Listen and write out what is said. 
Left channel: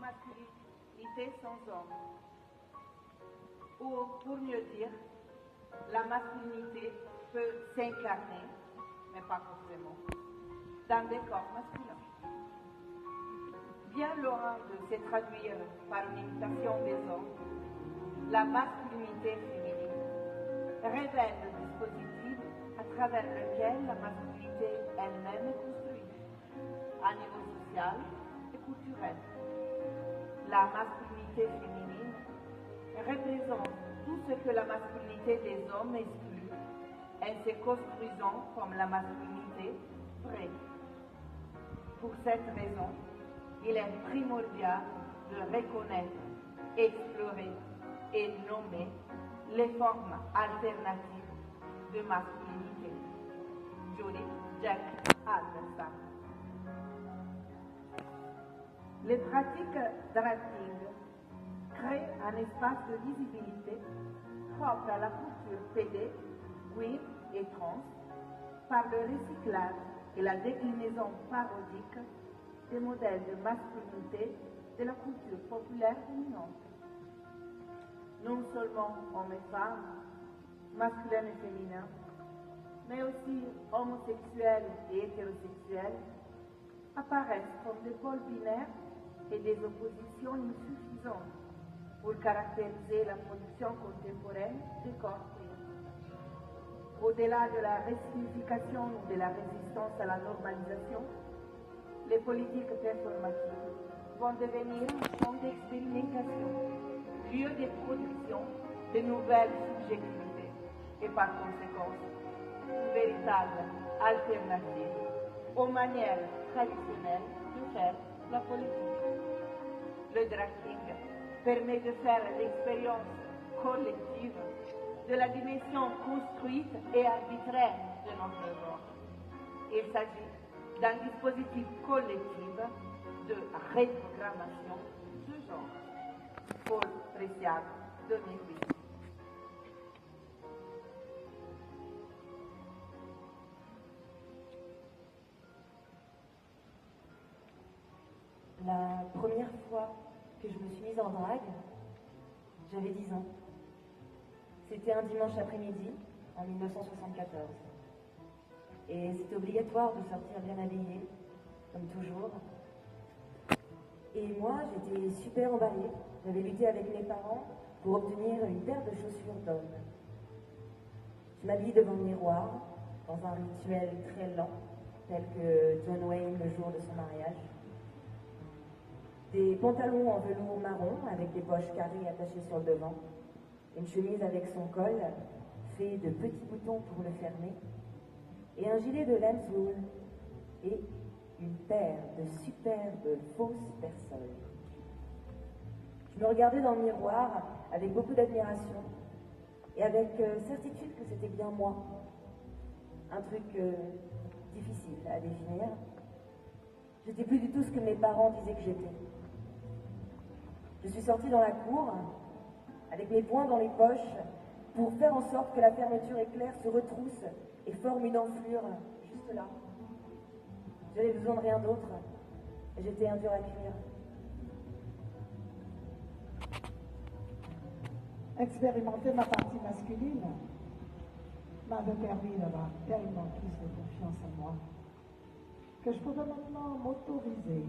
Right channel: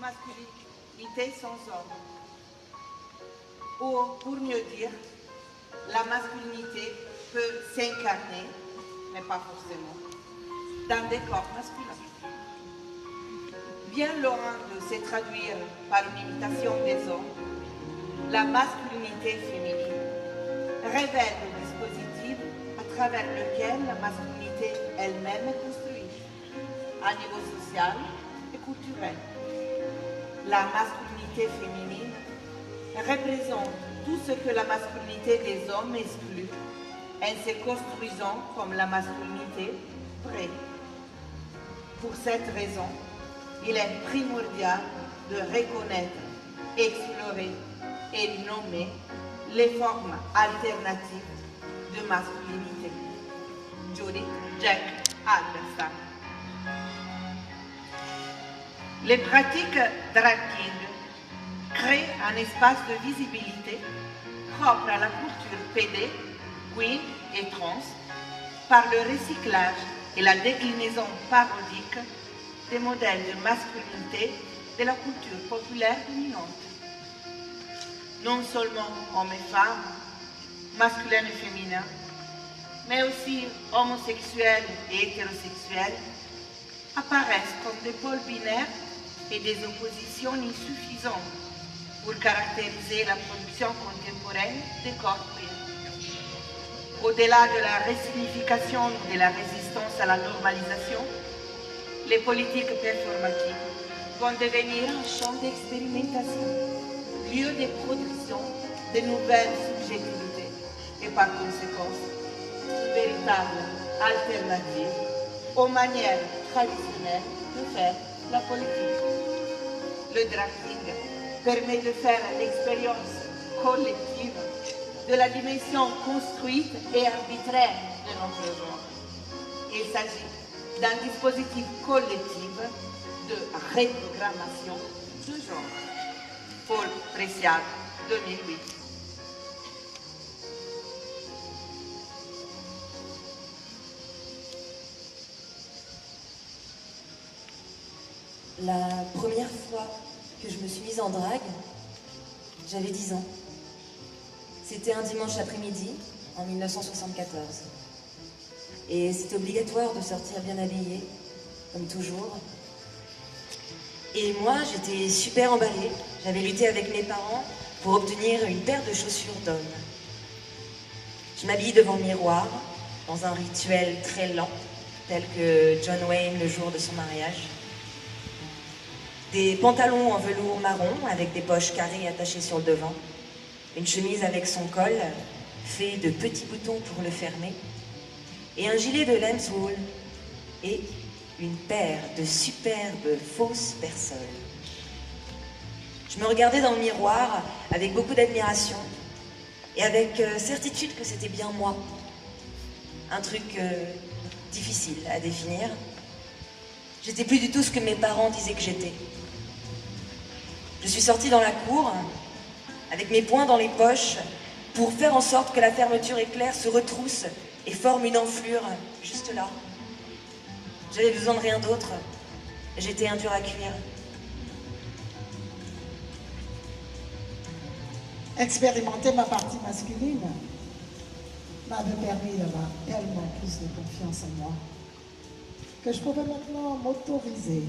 masculinité sans homme. Ou, pour mieux dire, la masculinité peut s'incarner, mais pas forcément, dans des corps masculins. Bien loin de se traduire par une imitation des hommes, la masculinité féminine révèle le dispositif à travers lequel la masculinité elle-même est construite, à niveau social et culturel. La masculinité féminine représente tout ce que la masculinité des hommes exclut en se construisant comme la masculinité vraie. Pour cette raison, il est primordial de reconnaître, explorer et nommer les formes alternatives de masculinité. Judith Jack Anderson. Les pratiques drag king créent un espace de visibilité propre à la culture PD, queer et trans par le recyclage et la déclinaison parodique des modèles de masculinité de la culture populaire dominante. Non seulement hommes et femmes, masculins et féminins, mais aussi homosexuels et hétérosexuels apparaissent comme des pôles binaires et des oppositions insuffisantes pour caractériser la production contemporaine des corps queer. Au-delà de la resignification ou de la résistance à la normalisation, les politiques performatives vont devenir un champ d'expérimentation, lieu de production de nouvelles subjectivités et par conséquent, une véritable alternative aux manières traditionnelles de faire la politique. Le drafting permet de faire l'expérience collective de la dimension construite et arbitraire de notre genre. Il s'agit d'un dispositif collectif de reprogrammation de genre. Paul Preciado, 2008. La première fois que je me suis mise en drague, j'avais 10 ans. C'était un dimanche après-midi, en 1974. Et c'était obligatoire de sortir bien habillée, comme toujours. Et moi, j'étais super emballée. J'avais lutté avec mes parents pour obtenir une paire de chaussures d'homme. Je m'habille devant le miroir, dans un rituel très lent, tel que John Wayne le jour de son mariage. Des pantalons en velours marron avec des poches carrées attachées sur le devant. Une chemise avec son col, fait de petits boutons pour le fermer. Et un gilet de lamb's wool. Et une paire de superbes fausses persoles. Je me regardais dans le miroir avec beaucoup d'admiration et avec certitude que c'était bien moi. Un truc difficile à définir. J'étais plus du tout ce que mes parents disaient que j'étais. Je suis sortie dans la cour avec mes poings dans les poches pour faire en sorte que la fermeture éclair se retrousse et forme une enflure juste là. J'avais besoin de rien d'autre. J'étais un dur à cuire. Expérimenter ma partie masculine m'avait permis d'avoir tellement plus de confiance en moi que je pouvais maintenant m'autoriser